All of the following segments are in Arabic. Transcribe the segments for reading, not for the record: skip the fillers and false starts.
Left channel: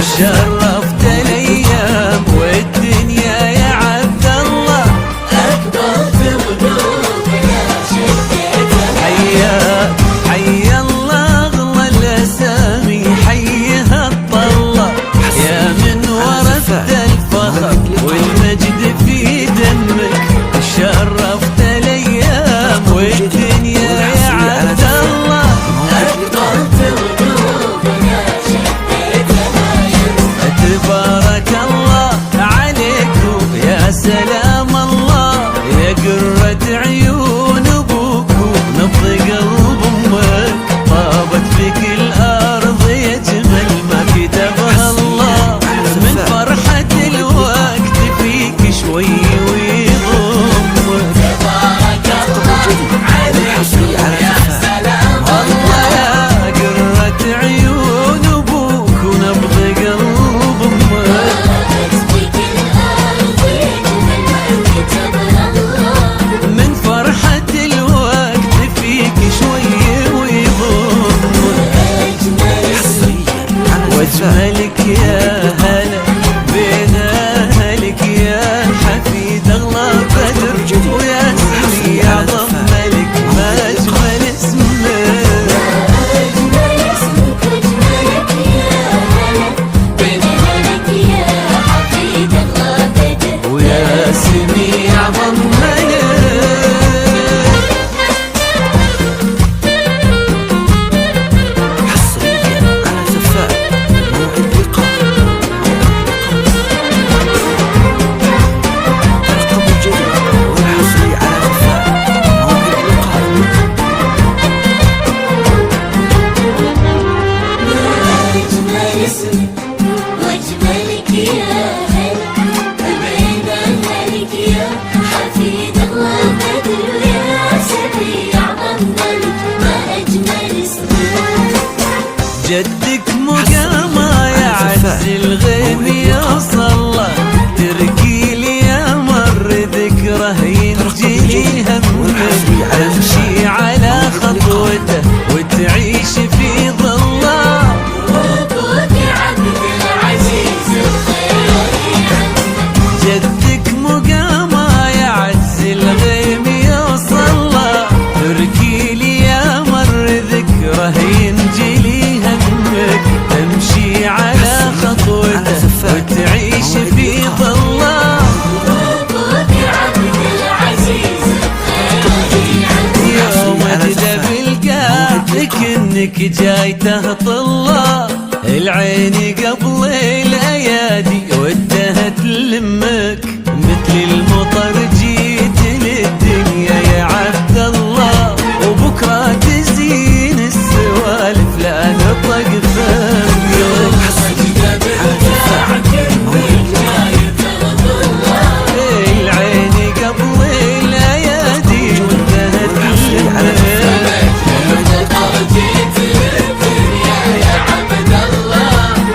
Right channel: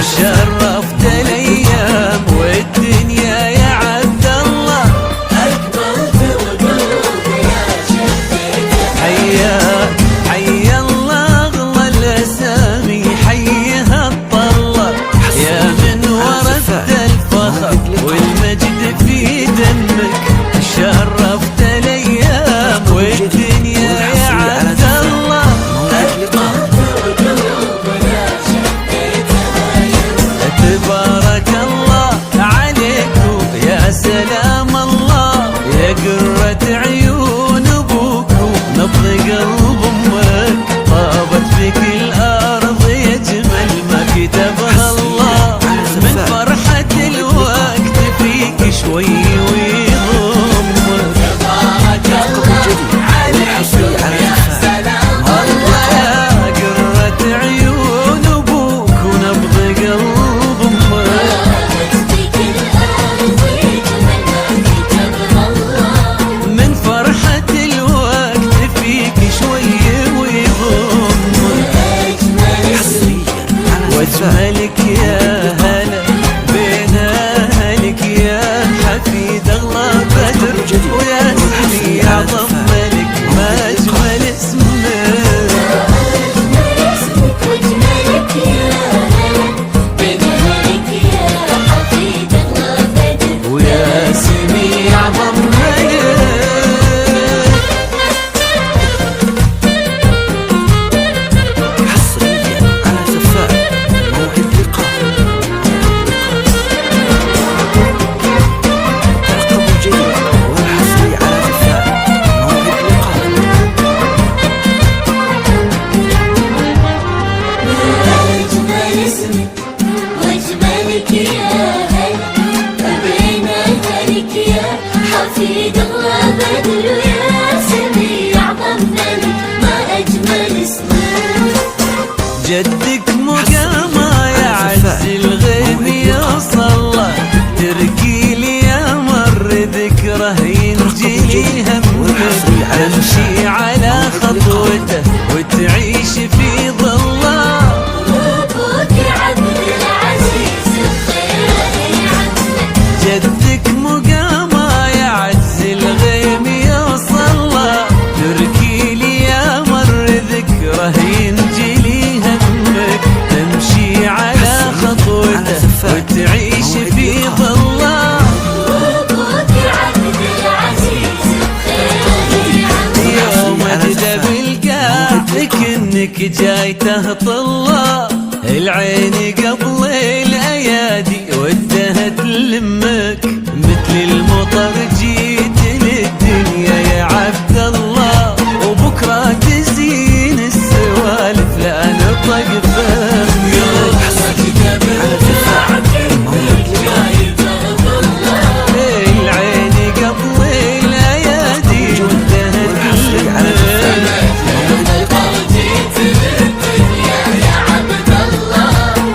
شرفت الايام والدنيا يا عبد الله. حياك حيا الله اغلى الاسامي حيها الطله، يا من ورثت الفخر والمجد في دمك. شرفت الايام والدنيا يا عبد الله. تبارك الله عليك يا سلام الله، يا قرة عيون ابوك ونبض قلب امك. طابت بك الارض يا جمل ما كتبها الله، من فرحة الوقت فيك شوي ويضمك. الله يا قرة عيون ابوك ونبض قلب امك. من فرحة الوقت فيك شوي ويضمك. واجملك يا هلا بين اهلك يا حفيد اغلى بدر، ويا اسمي اعظم ملك ما اجمل اسمك. ويا اسمي اعظم ملك. جدك مقامه يا عز الغيب يوصل، تركي لي يا مر ذكره ينجلي همك. تمشي على خطوته وتعيش في ظله. جدك مقامه يا عز الغيب يوصل، تركي لي يا مر ذكره ينجلي همك. تمشي على خطوته وتعيش في ظله. يوم اجدى بلقاك انك جاي تهطله، العين قبل الايادي ودها تلمك. مثل المطر جيت للدنيا يا عبد الله، وبكره تزين السوالف لا نطق فمك. العين قبل الايادي ودها تلمك.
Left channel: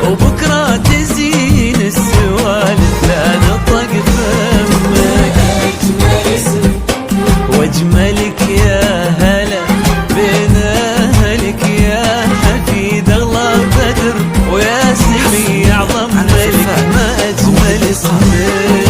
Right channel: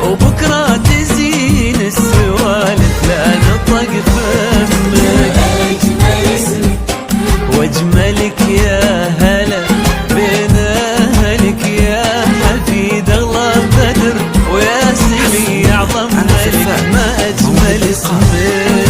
وبكره تزين السوالف لا نطق فمك. واجملك يا هلا بين اهلك يا حفيد اغلى بدر، ويا سمي اعظم ملك ما اجمل اسمك.